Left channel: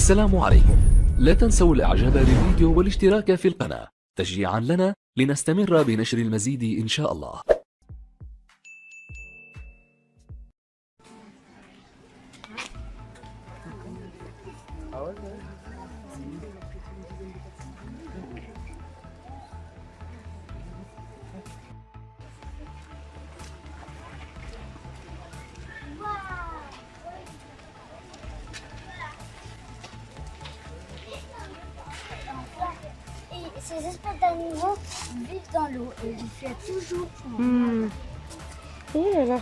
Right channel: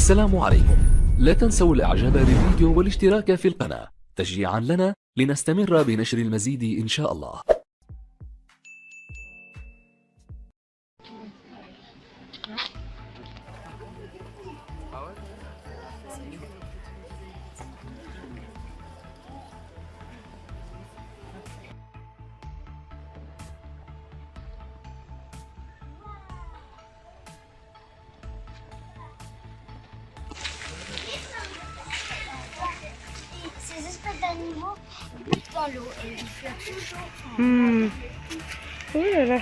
السلام عليكم. لا تنسوا الاعجاب بالفيديو والاشتراك في القناة تشجيعا لنا لنستمر بنشر المزيد إن شاء الله. Ces espèces d'animaux butent dans l'eau et il fait toujours Oh là là.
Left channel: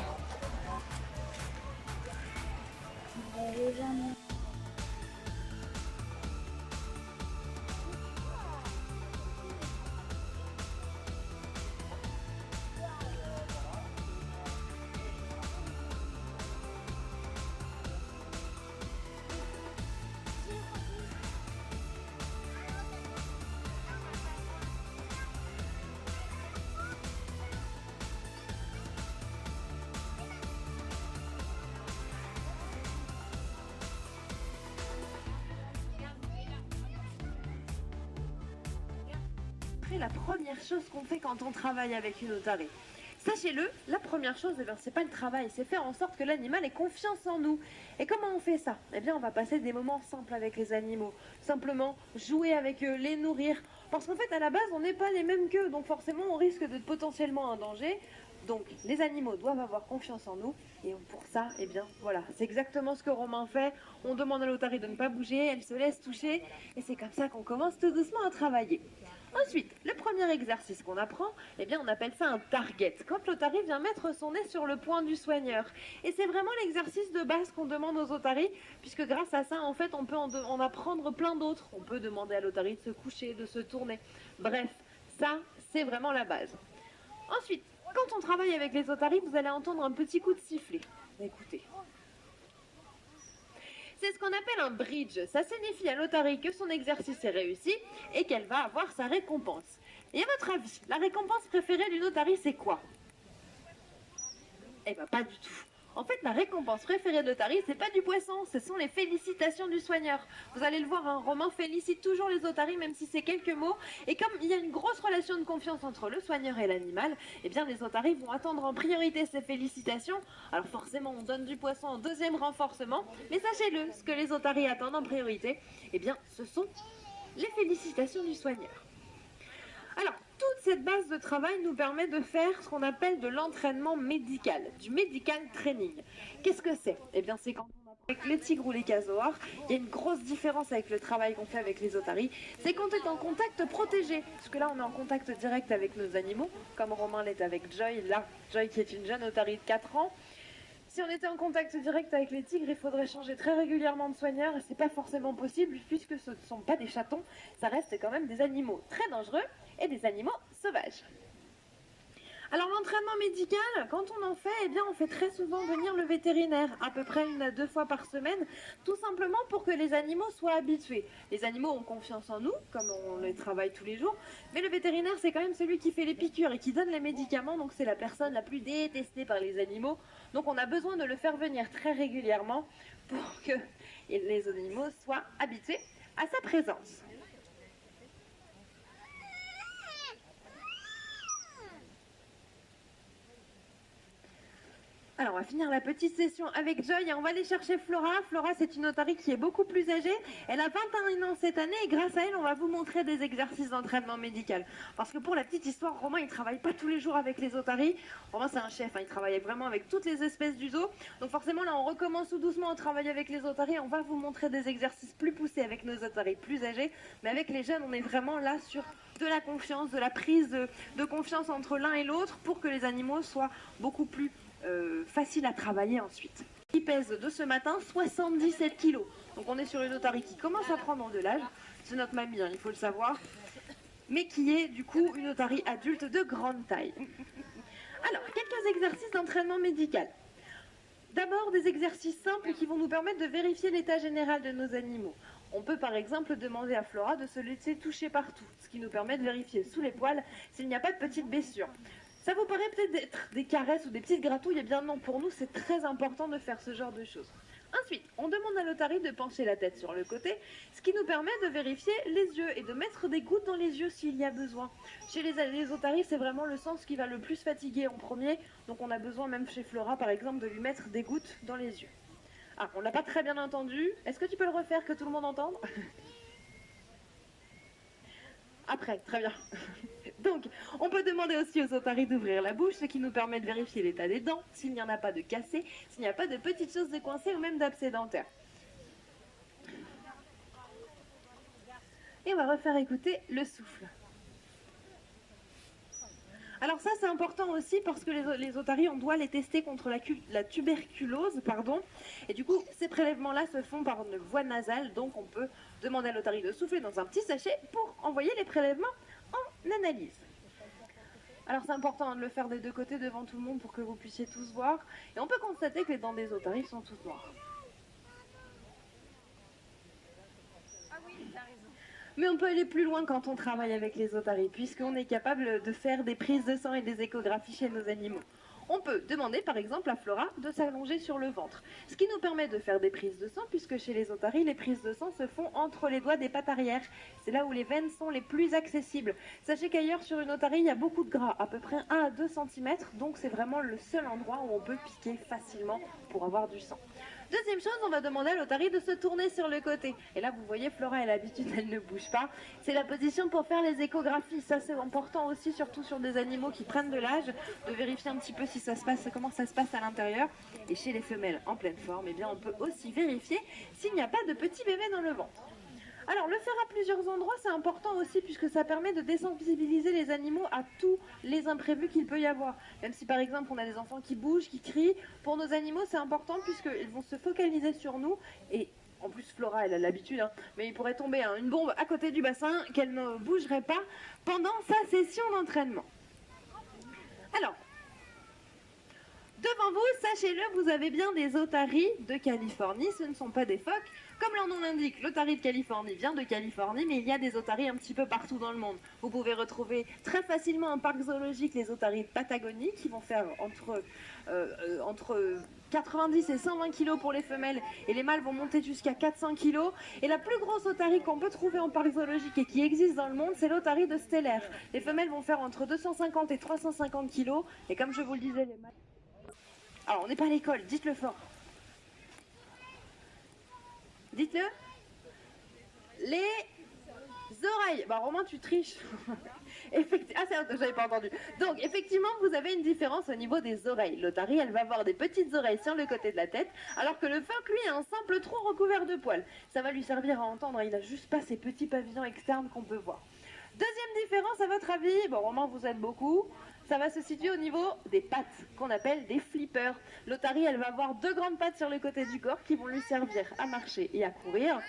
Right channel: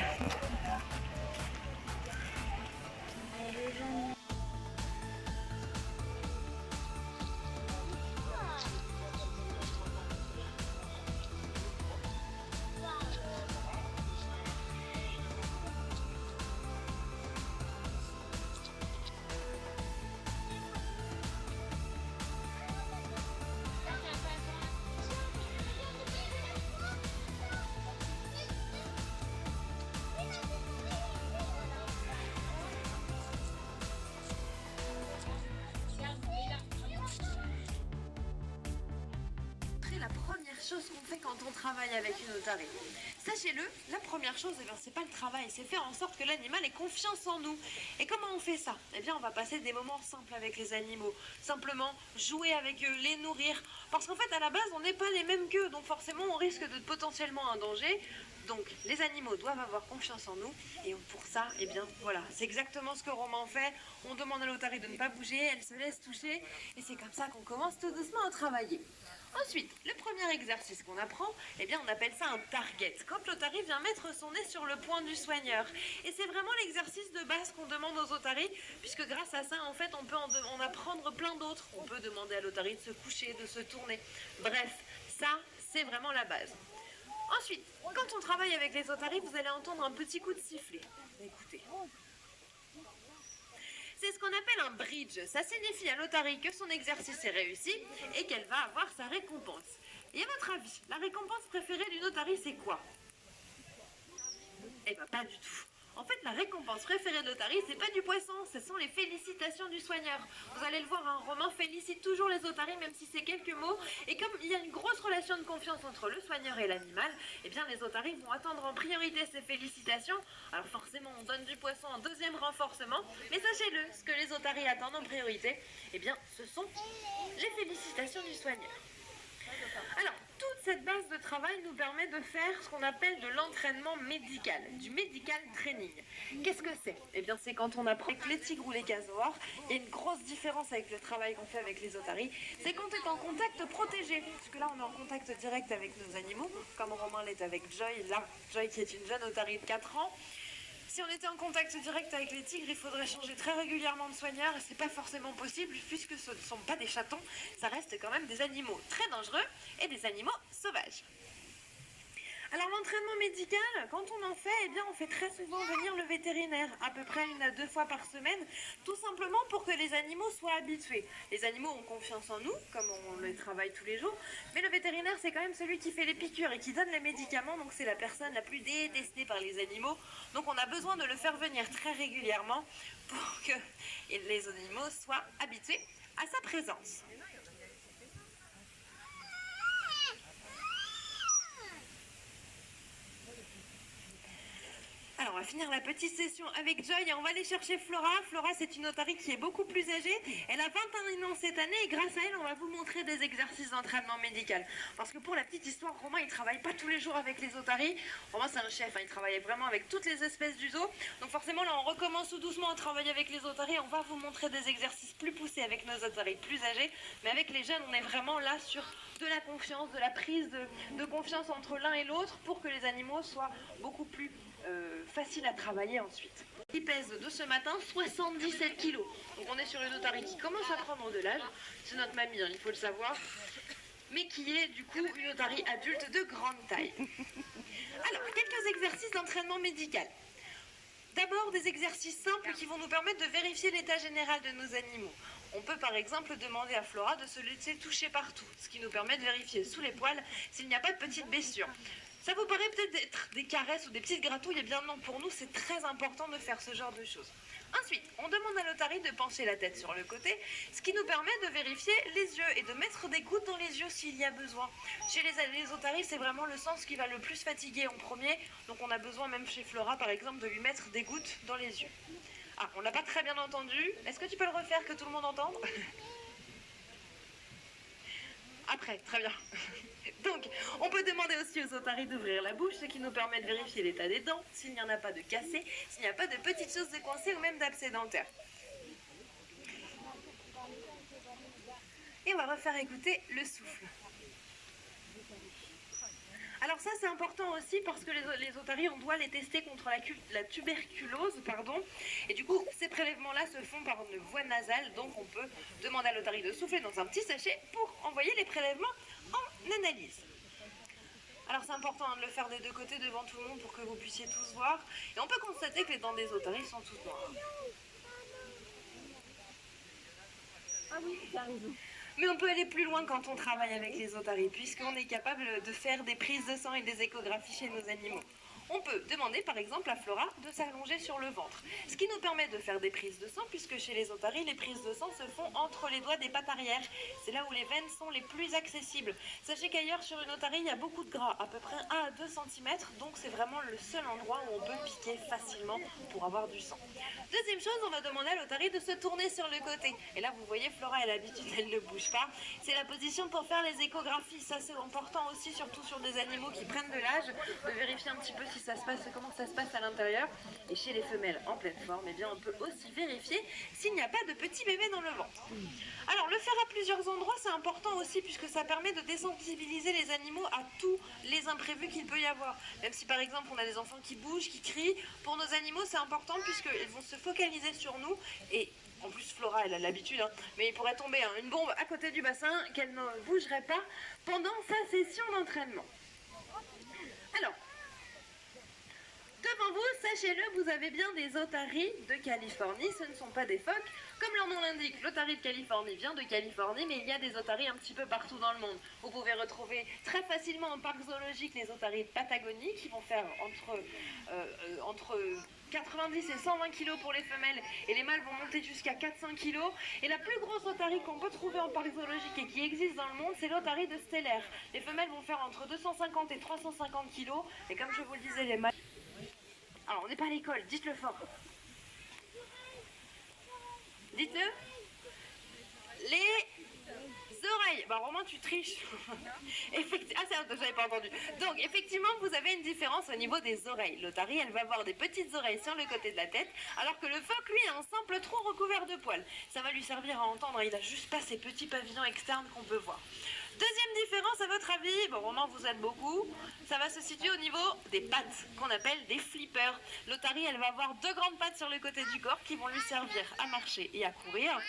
La première chose qu'on fait quand on travaille avec une otarie. Sachez-le, la première chose, c'est pas le travail, c'est faire en sorte que l'animal ait confiance en nous. Et comment on fait ça? Eh bien, on va passer des moments simples avec les animaux. Simplement jouer avec eux, les nourrir. Parce qu'en fait, à la base, on n'est pas les mêmes qu'eux, donc forcément, on risque de potentiellement un danger. Donc, les animaux doivent avoir confiance en nous. Et pour ça, eh bien, voilà, c'est exactement ce que Romain fait. On demande à l'otarie de ne pas bouger, elle se laisse toucher. Et c'est comme ça qu'on commence tout doucement à travailler. Ensuite, le premier exercice qu'on apprend, eh bien, on appelle ça un target. Quand l'otarie vient mettre son nez sur le poing du soigneur. Et c'est vraiment l'exercice de base qu'on demande aux otaries, puisque grâce à ça, en fait, on peut en apprendre plein d'autres. On peut demander à l'otarie de se coucher, de se tourner. Bref, ça, c'est vraiment la base. Ensuite, quand on travaille avec les otaries, vous allez entendre un petit coup de sifflet. Écoutez. C'est ce qu'on appelle un bridge. Ça signifie à l'otarie que son exercice est réussi et qu'elle va avoir sa récompense. Et à votre avis, la récompense préférée d'une otarie, c'est quoi? Eh bien, pas du tout. En fait, la récompense préférée de l'otarie, c'est pas du poisson, ce sont les félicitations du soigneur. Vous allez le voir, hein, Romain félicite toujours les otaries, même si c'est quelques mots. Et comme il y a une grosse relation de confiance entre le soigneur et l'animal, eh bien les otaries vont attendre en priorité ces félicitations. Alors forcément, on donne du poisson en deuxième renforcement, mais sachez-le, ce que les otaries attendent en priorité, eh bien, ce sont les félicitations du soigneur. Alors, toute cette base de travail nous permet de faire ce qu'on appelle de l'entraînement médical, du medical training. Qu'est-ce que c'est? Eh bien, c'est quand on apprend avec les tigres ou les casoars. Il y a une grosse différence avec le travail qu'on fait avec les otaries, c'est qu'on est en contact protégé. Parce que là, on est en contact direct avec nos animaux, comme Romain l'est avec Joy, là, Joy qui est une jeune otarie de 4 ans. Si on était en contact direct avec les tigres, il faudrait changer très régulièrement de soigneur et c'est pas forcément possible puisque ce ne sont pas des chatons, ça reste quand même des animaux très dangereux et des animaux sauvages. Alors l'entraînement médical, quand on en fait, eh bien on fait très souvent venir le vétérinaire, à peu près 1 à 2 fois par semaine, tout simplement pour que les animaux soient habitués. Les animaux ont confiance en nous, comme on les travaille tous les jours, mais le vétérinaire c'est quand même celui qui fait les piqûres et qui donne les médicaments, donc c'est la personne la plus détestée par les animaux. Donc on a besoin de le faire venir très régulièrement pour que les animaux soient habitués à sa présence. Alors, on va finir la petite session avec Joy et on va aller chercher Flora. Flora, c'est une otarie qui est beaucoup plus âgée. Elle a 21 ans cette année et grâce à elle, on va vous montrer des exercices d'entraînement médical. Parce que pour la petite histoire, Romain, il travaille pas tous les jours avec les otaries. Romain, c'est un chef, hein, il travaille vraiment avec toutes les espèces du zoo. Donc forcément, là, on recommence tout doucement à travailler avec les otaries. On va vous montrer des exercices plus poussés avec nos otaries plus âgées. Mais avec les jeunes, on est vraiment là sur de la confiance, de la prise de confiance entre l'un et l'autre pour que les animaux soient beaucoup plus facile à travailler ensuite. Il pèse de ce matin 77 kg. Donc on est sur une otarie qui commence à prendre de l'âge. C'est notre mamie, hein, il faut le savoir. Mais qui est du coup une otarie adulte de grande taille. Alors, quelques exercices d'entraînement médical. D'abord, des exercices simples qui vont nous permettre de vérifier l'état général de nos animaux. On peut par exemple demander à Flora de se laisser toucher partout, ce qui nous permet de vérifier sous les poils s'il n'y a pas de petites blessures. Ça vous paraît peut-être être des caresses ou des petites gratouilles, eh bien non, pour nous c'est très important de faire ce genre de choses. Ensuite, on demande à l'otarie de pencher la tête sur le côté, ce qui nous permet de vérifier les yeux et de mettre des gouttes dans les yeux s'il y a besoin. Chez les otaries, c'est vraiment le sens qui va le plus fatiguer en premier, donc on a besoin même chez Flora par exemple de lui mettre des gouttes dans les yeux. Ah, on l'a pas très bien entendu, est-ce que tu peux le refaire que tout le monde entende? Après, très bien. Donc, on peut demander aussi aux otaries d'ouvrir la bouche, ce qui nous permet de vérifier l'état des dents, s'il n'y en a pas de cassées, s'il n'y a pas de petites choses de coincées ou même d'abcès dentaires. Et on va refaire écouter le souffle. Alors ça c'est important aussi parce que les otaries on doit les tester contre la tuberculose, et du coup ces prélèvements là se font par une voie nasale, donc on peut demander à l'otarie de souffler dans un petit sachet pour envoyer les prélèvements en analyse. Alors c'est important de le faire des deux côtés devant tout le monde pour que vous puissiez tous voir, et on peut constater que les dents des otaries sont toutes noires. Ah oui, t'as raison. Mais on peut aller plus loin quand on travaille avec les otaries, puisqu'on est capable de faire des prises de sang et des échographies chez nos animaux. On peut demander par exemple à Flora de s'allonger sur le ventre, ce qui nous permet de faire des prises de sang, puisque chez les otaries, les prises de sang se font entre les doigts des pattes arrière. C'est là où les veines sont les plus accessibles. Sachez qu'ailleurs sur une otarie, il y a beaucoup de gras, à peu près 1 à 2 cm, donc c'est vraiment le seul endroit où on peut piquer facilement pour avoir du sang. Deuxième chose, on va demander à l'otarie de se tourner sur le côté. Et là, vous voyez, Flora, elle a l'habitude, elle ne bouge pas. C'est la position pour faire les échographies. Ça, c'est important aussi, surtout sur des animaux qui prennent de l'âge, de vérifier un petit peu si ça se passe, comment ça se passe à l'intérieur. Et chez les femelles en pleine forme, eh bien, on peut aussi vérifier s'il n'y a pas de petits bébés dans le ventre. Alors, le faire à plusieurs endroits, c'est important aussi puisque ça permet de désensibiliser les animaux à tous les imprévus qu'il peut y avoir. Même si par exemple on a des enfants qui bougent, qui crient, pour nos animaux c'est important puisqu'ils vont se focaliser sur nous et en plus Flora elle a l'habitude, mais il pourrait tomber une bombe à côté du bassin qu'elle ne bougerait pas pendant sa session d'entraînement. Alors, devant vous, sachez-le, vous avez bien des otaries de Californie, ce ne sont pas des phoques. Comme leur nom l'indique, l'otarie de Californie vient de Californie, mais il y a des otaries un petit peu partout dans le monde. Vous pouvez retrouver très facilement en parc zoologique les otaries de Patagonie qui vont faire entre 90 et 120 kg pour les femelles et les mâles vont monter jusqu'à 400 kg. Et la plus grosse otarie qu'on peut trouver en parc zoologique et qui existe dans le monde, c'est l'otarie de Stellaire. Les femelles vont faire entre 250 et 350 kg et comme je vous le disais, les mâles... Alors, on n'est pas à l'école, dites-le fort. Dites-le. Les oreilles. Bah, Romain, tu triches. Ah, j'avais pas entendu. Donc, effectivement, vous avez une différence au niveau des oreilles. L'otarie, elle va avoir des petites oreilles sur le côté de la tête, alors que le phoque, lui, a un simple tronc recouvert de poils. Ça va lui servir à entendre. Il a juste pas ces petits pavillons externes qu'on peut voir. Deuxième différence, à votre avis, bon, Romain, vous aide beaucoup. Ça va se situer au niveau des pattes, qu'on appelle des flippers. L'otarie, elle va avoir 2 grandes pattes sur le côté du corps qui vont lui servir à marcher et à courir.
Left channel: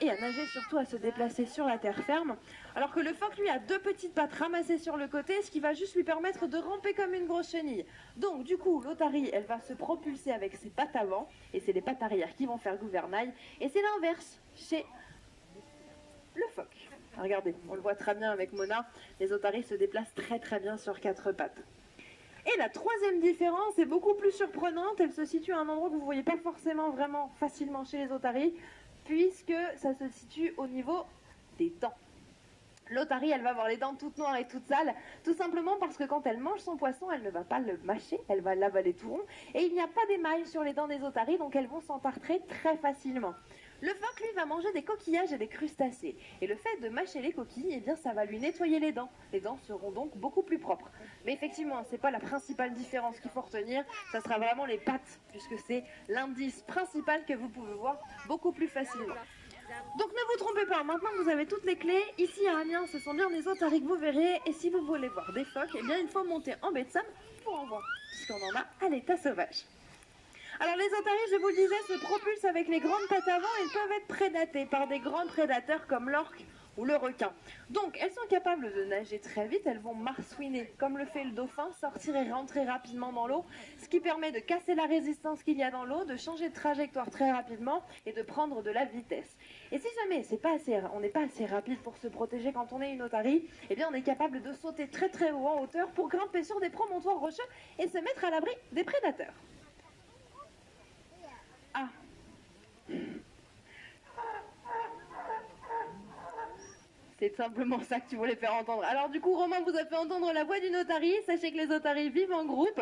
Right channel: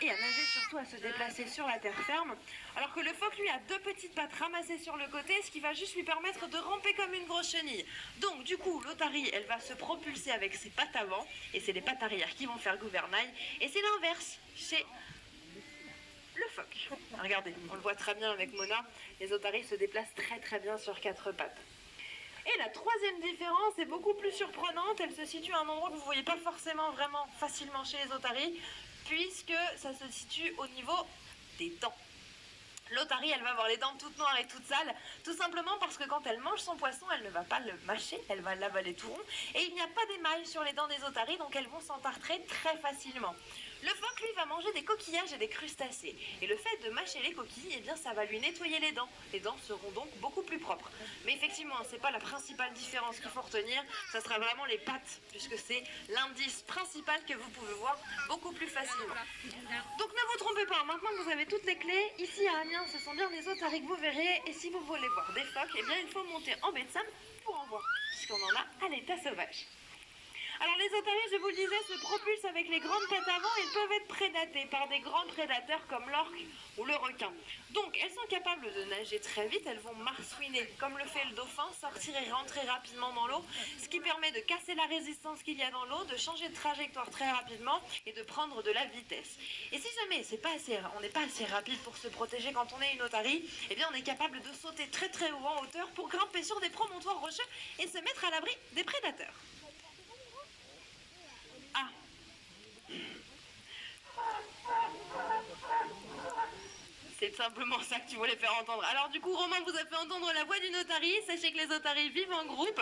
Et à nager, surtout à se déplacer sur la terre ferme. Alors que le phoque, lui, a 2 petites pattes ramassées sur le côté, ce qui va juste lui permettre de ramper comme une grosse chenille. Donc, du coup, l'otarie, elle va se propulser avec ses pattes avant, et c'est les pattes arrière qui vont faire gouvernail. Et c'est l'inverse chez le phoque. Regardez, on le voit très bien avec Mona, les otaries se déplacent très très bien sur 4 pattes. Et la troisième différence est beaucoup plus surprenante, elle se situe à un endroit que vous ne voyez pas forcément vraiment facilement chez les otaries, puisque ça se situe au niveau des dents. L'otarie, elle va avoir les dents toutes noires et toutes sales, tout simplement parce que quand elle mange son poisson, elle ne va pas le mâcher, elle va l'avaler tout rond, et il n'y a pas d'émail sur les dents des otaries, donc elles vont s'entartrer très facilement. Le phoque, lui, va manger des coquillages et des crustacés. Et le fait de mâcher les coquilles, eh bien, ça va lui nettoyer les dents. Les dents seront donc beaucoup plus propres. Mais effectivement, c'est pas la principale différence qu'il faut retenir. Ça sera vraiment les pattes, puisque c'est l'indice principal que vous pouvez voir beaucoup plus facilement. Donc ne vous trompez pas, maintenant que vous avez toutes les clés, ici à Amiens, ce sont bien des otaries que vous verrez. Et si vous voulez voir des phoques, eh bien, il faut monter en baie de Somme pour en voir, puisqu'on en a à l'état sauvage. Alors les otaries, je vous le disais, se propulsent avec les grandes pattes avant et peuvent être prédatées par des grands prédateurs comme l'orque ou le requin. Donc elles sont capables de nager très vite, elles vont marsouiner comme le fait le dauphin, sortir et rentrer rapidement dans l'eau, ce qui permet de casser la résistance qu'il y a dans l'eau, de changer de trajectoire très rapidement et de prendre de la vitesse. Et si jamais on n'est pas assez rapide pour se protéger quand on est une otarie, eh bien on est capable de sauter très très haut en hauteur pour grimper sur des promontoires rocheux et se mettre à l'abri des prédateurs. Ah, C'est simplement ça que tu voulais faire entendre. Alors du coup, Romain vous a fait entendre la voix d'une otarie. Sachez que les otaries vivent en groupe,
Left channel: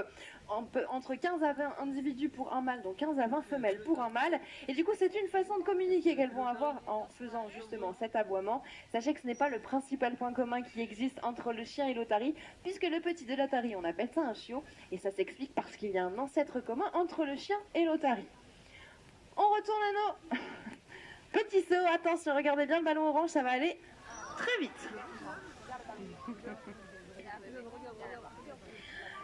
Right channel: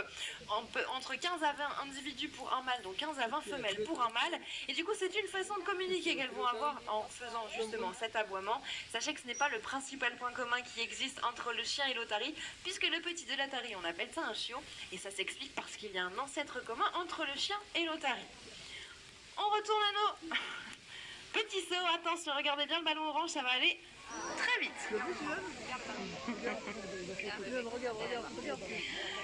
entre 15 à 20 individus pour un mâle, donc 15 à 20 femelles pour un mâle. Et du coup, c'est une façon de communiquer qu'elles vont avoir en faisant justement cet aboiement. Sachez que ce n'est pas le principal point commun qui existe entre le chien et l'otarie, puisque le petit de l'otarie, on appelle ça un chiot. Et ça s'explique parce qu'il y a un ancêtre commun entre le chien et l'otarie. On retourne à nos petits sauts. Attention, regardez bien le ballon orange, ça va aller très vite.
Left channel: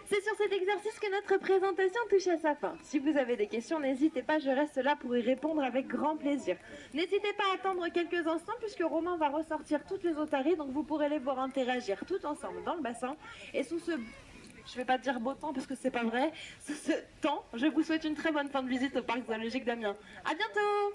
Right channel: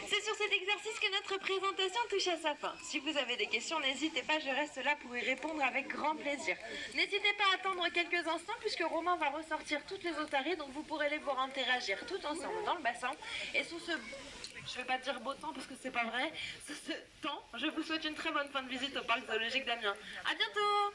C'est sur cet exercice que notre présentation touche à sa fin. Si vous avez des questions, n'hésitez pas, je reste là pour y répondre avec grand plaisir. N'hésitez pas à attendre quelques instants puisque Romain va ressortir toutes les otaries, donc vous pourrez les voir interagir tout ensemble dans le bassin. Et sous ce, je vais pas dire beau temps parce que c'est pas vrai, sous ce temps, je vous souhaite une très bonne fin de visite au parc zoologique d'Amiens. À bientôt!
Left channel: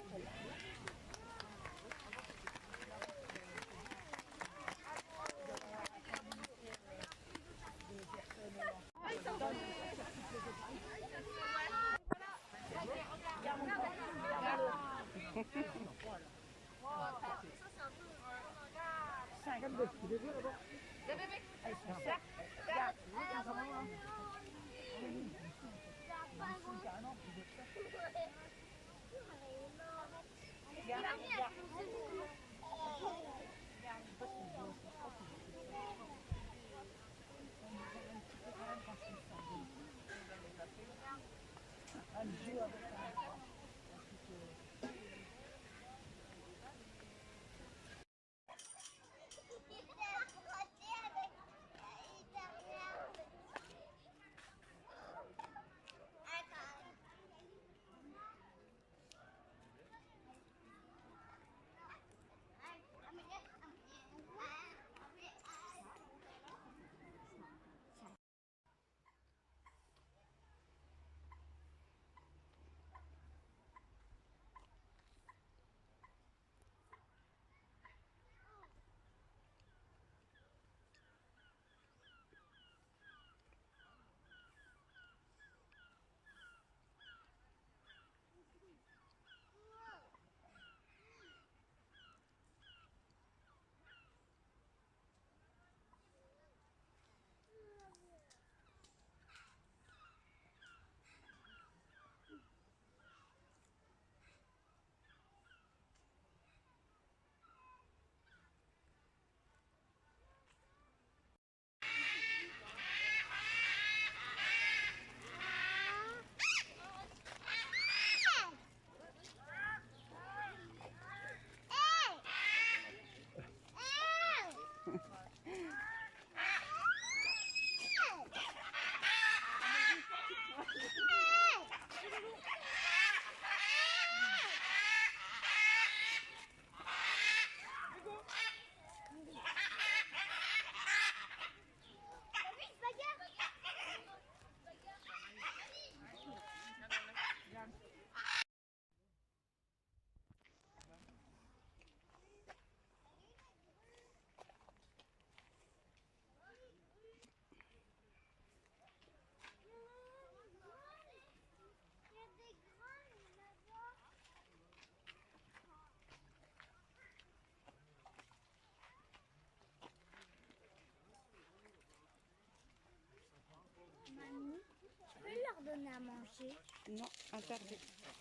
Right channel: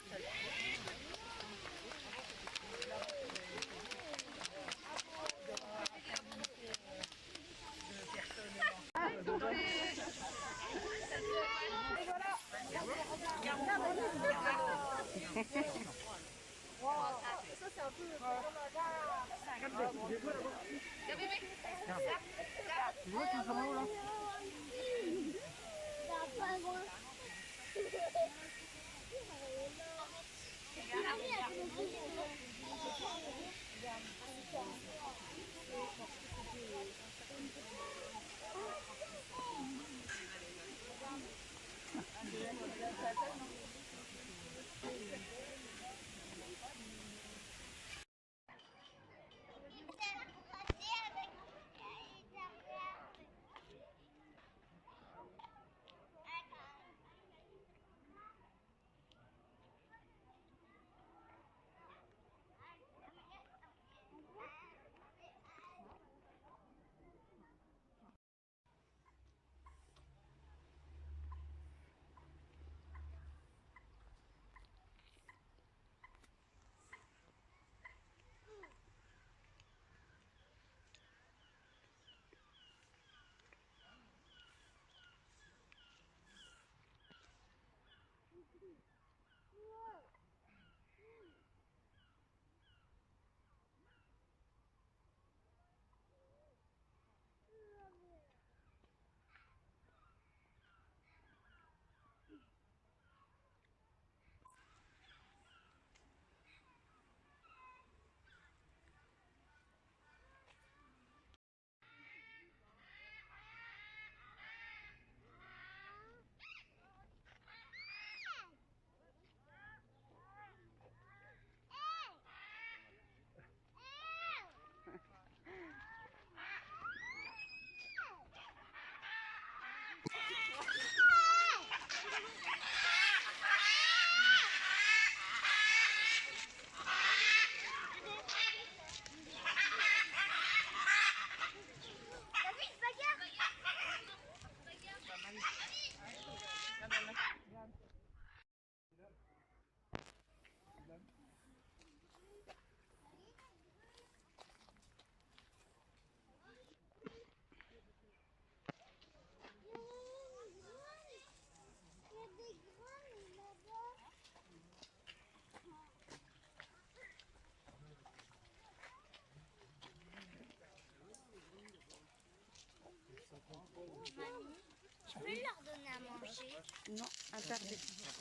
Mamie, je peux leur donner à manger? Non, interdit. Ils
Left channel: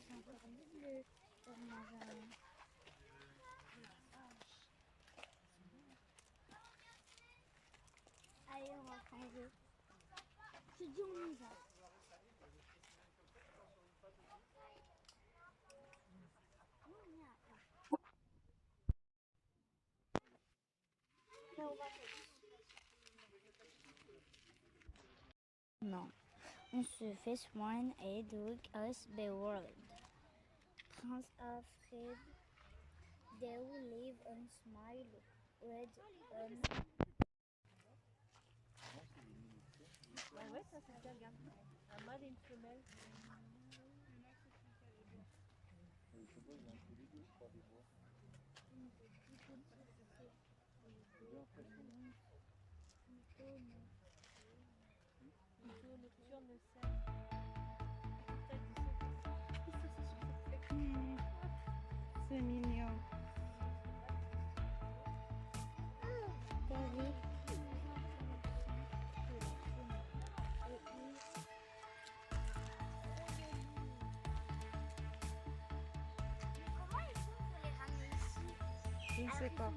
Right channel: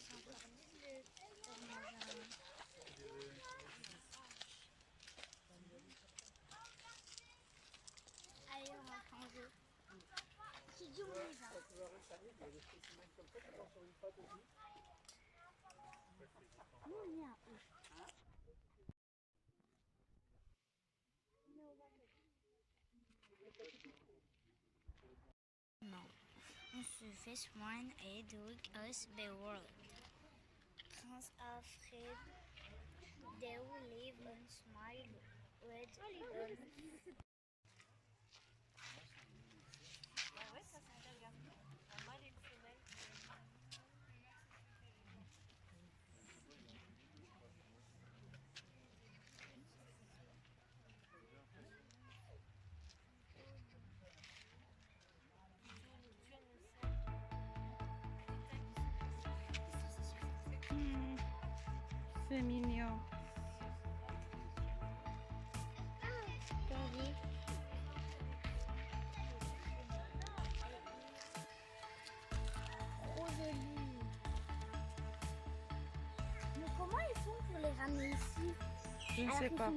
sont interdits de leur manger un... Allez, on rentre en jeu. Qui dit on y va? Nous, on y a où? Non, on se fait soin et durch us beworld. Prince Alfred, they will live and smile with Ouais, ça c'est bien, regarde. Un mâle et une femelle. C'est mignon. Je ne sais pas.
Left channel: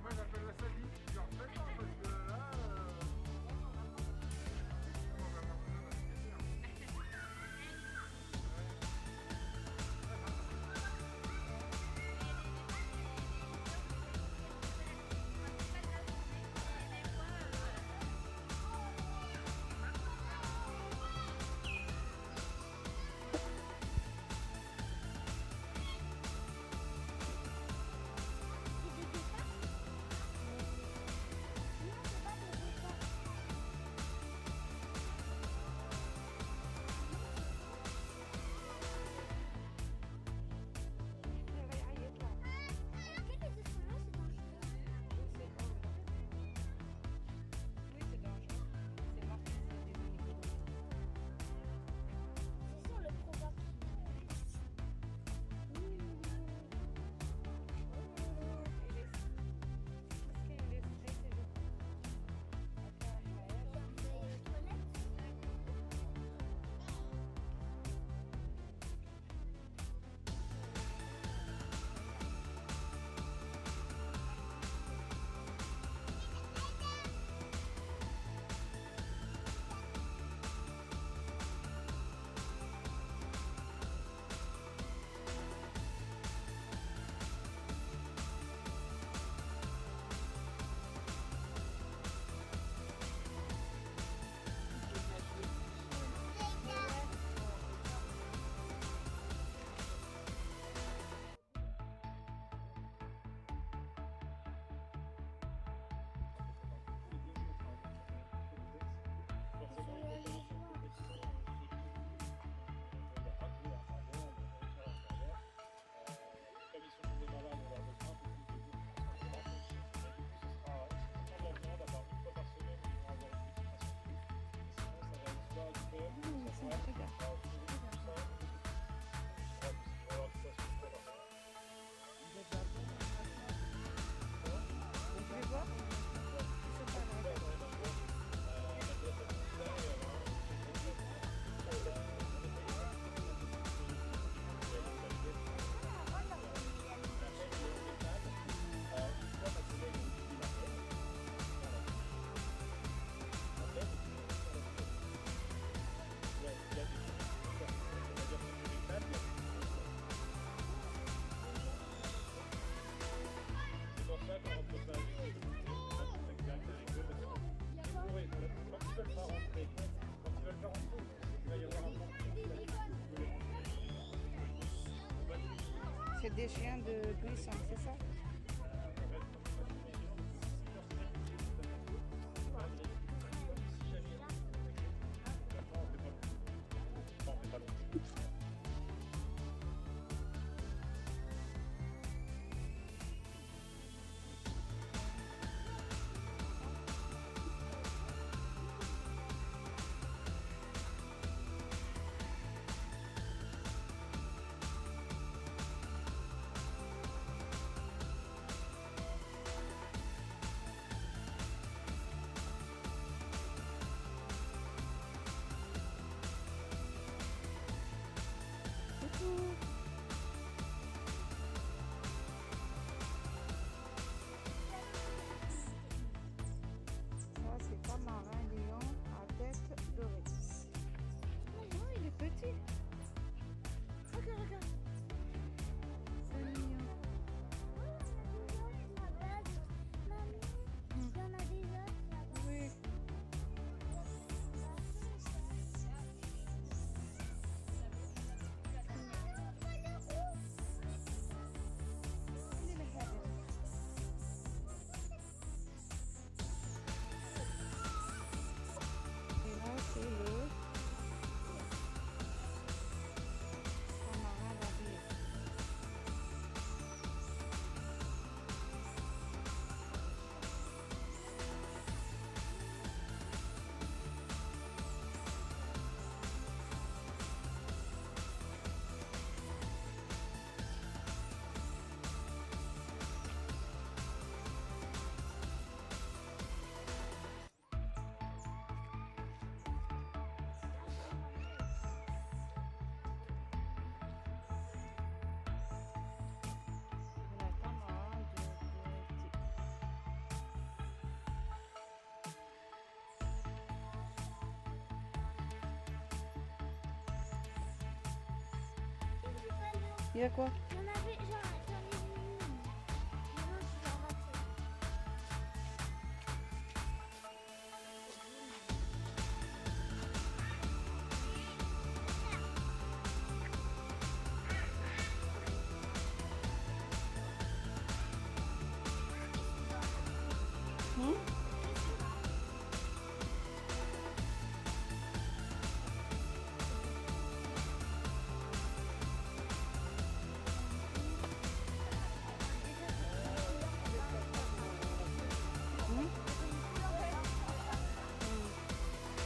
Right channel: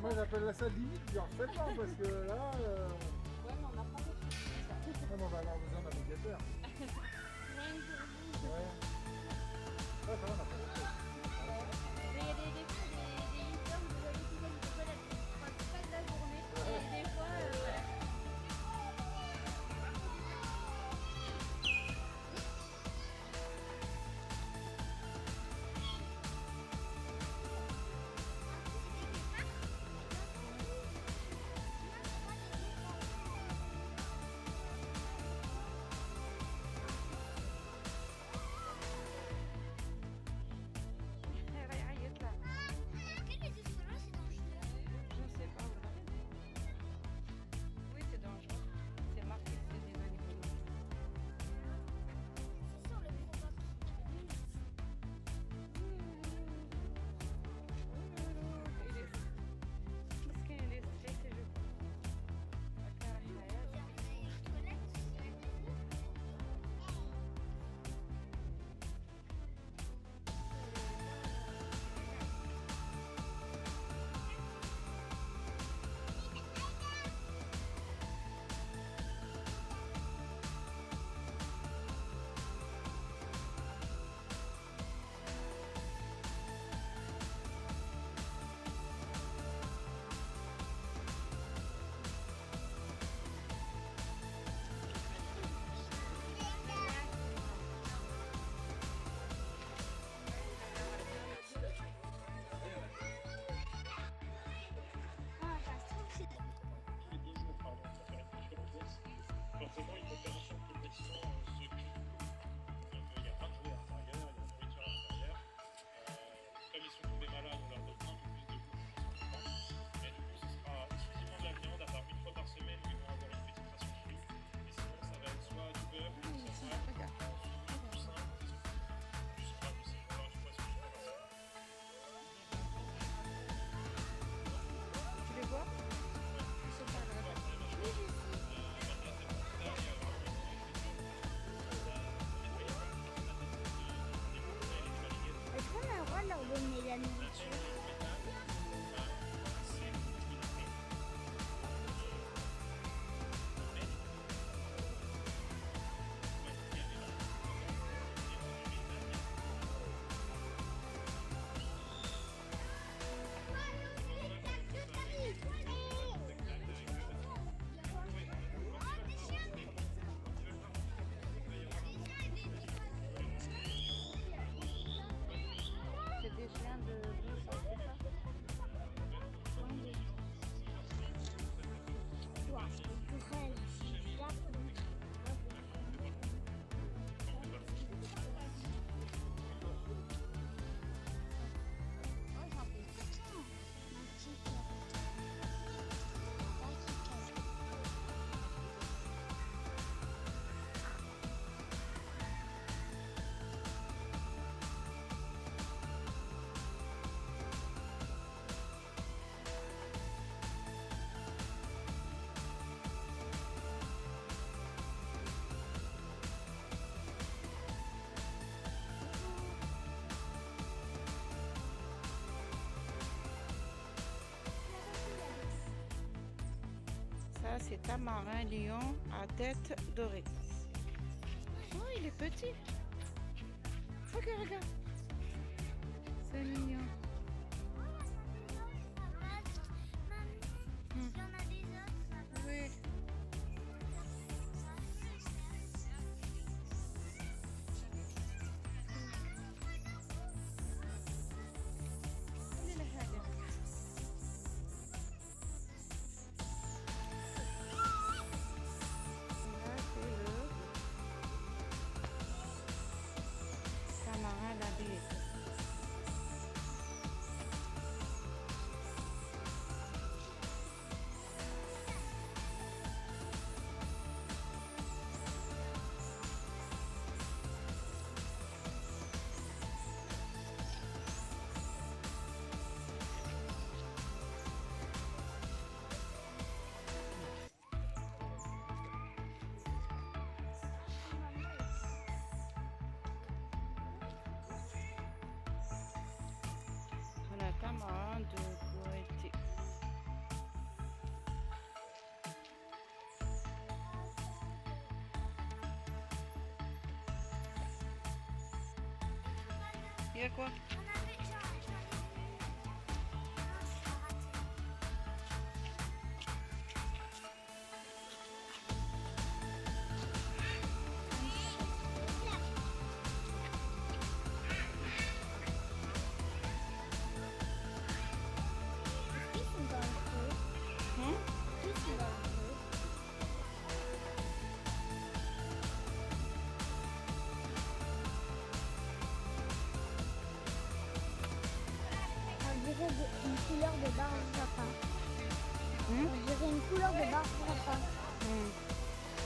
Moi j'appelle ça limite, genre fais pas parce que là. On va avoir besoin d'un navigateur. Oui, c'est dangereux. C'est marqué que c'est des animaux dangereux. Il est stressé, je crois. Tu les vois? Ils sont pas là, regarde. Est-ce qu'on a le droit de leur donner la nourriture? C'est des chiens de buisson, c'est ça? Ça, c'est tamarin lion à tête dorée. Oh, il est petit. Regarde, regarde. C'est mignon. Il y a quoi? On a